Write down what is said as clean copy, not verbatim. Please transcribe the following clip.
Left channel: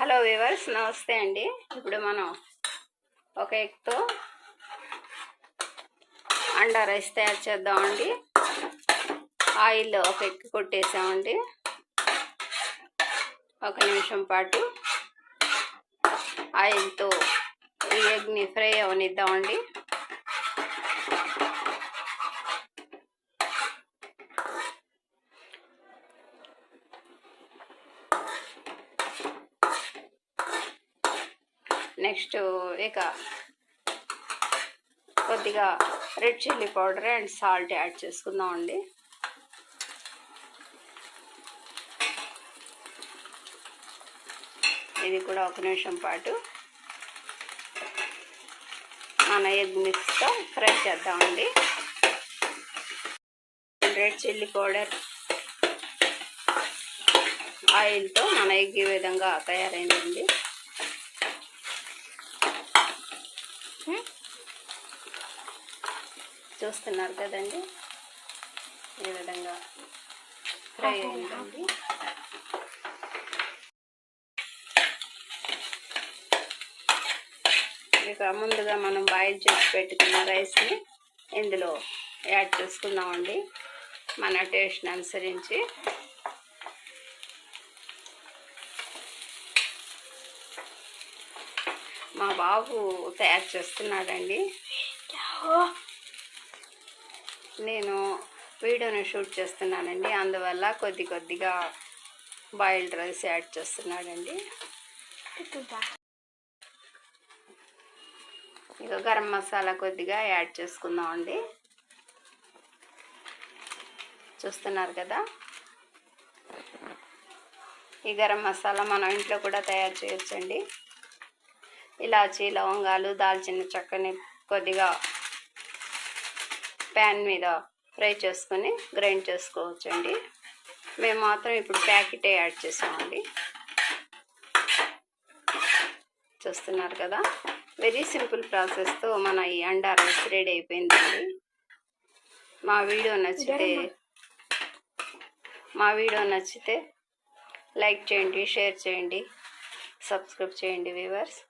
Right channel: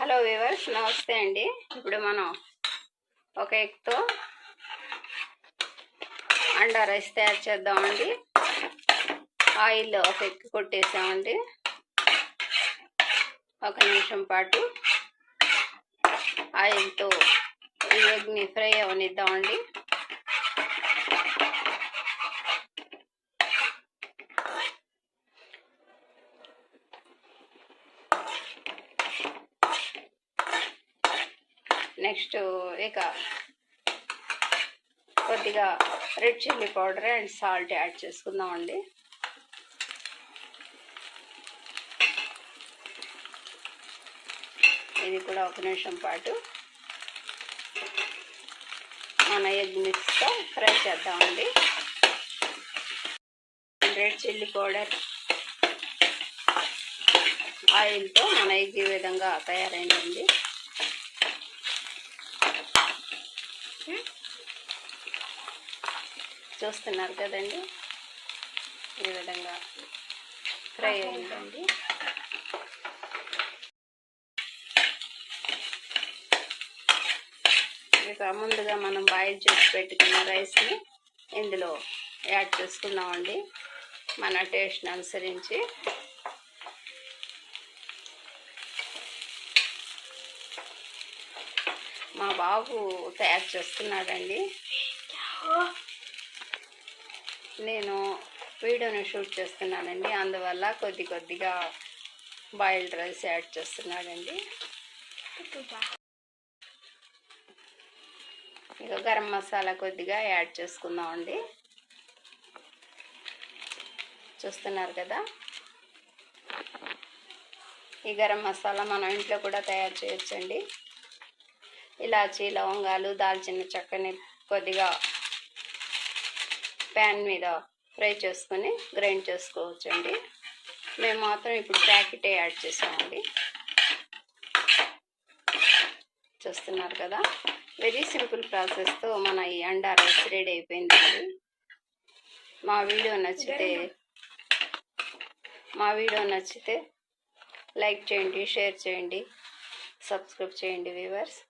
Hello viewers, నమస్తే అండి. ఇప్పుడు మనం ఒక ఎగ్తో అండా రైస్ తయారు చేద్దామండి. ఆయిల్లో ఒక ఎగ్ కొట్టేసామండి. ఒక నిమిషం పాటు ఆయిల్తో ఈ ఎగ్ని ఫ్రై అవనిద్దామండి. నెక్స్ట్ ఇక కొద్దిగా red chilli powder and salt add చేసుకుందామండి. ఇది కూడా ఒక నిమిషం పాటు మన ఎగ్ మిక్స్తో ఫ్రై చేద్దామండి. రెడ్ చిల్లీ పౌడర్ ఆయిల్తో మన ఎగ్ ఈ విధంగా తయారైందండి. చూస్తున్నారు కదండి, ఈ విధంగా ఫ్రై అయిందండి. ఇక ముందుగా మనం బాయిల్ చేసి పెట్టుకున్న రైస్ని ఇందులో యాడ్ చేసుకుందామండి, మన టేస్ట్ని అనుసరించి. మా బాబు తయారు చేస్తున్నాడండి. నేను వీడియోని షూట్ చేస్తున్నానండి, అందువల్ల కొద్దిగా బాయిల్డ్ రైస్ యాడ్ చేస్తున్నాడండి. ఇక గరం మసాలా కొద్దిగా యాడ్ చేసుకుందామండి. చూస్తున్నారు కదా, ఈ గరం మసాలా మనం ఇంట్లో కూడా తయారు చేయొచ్చండి. ఇలాచీ, లవంగాలు, దాల్చిన చెక్కని కొద్దిగా ప్యాన్ మీద ఫ్రై చేసుకొని గ్రైండ్ చేసుకోవచ్చండి. మేము మాత్రం ఇప్పుడు ప్యాకెటే యాడ్ చేసామండి. చూస్తున్నారు కదా, వెరీ సింపుల్ ప్రాసెస్తో మన ఈ అండా రైస్ రెడీ అయిపోయిందండి. మా వీడియో నచ్చితే లైక్ చేయండి, షేర్ చేయండి, సబ్స్క్రైబ్ చేయండి వ్యూవర్స్.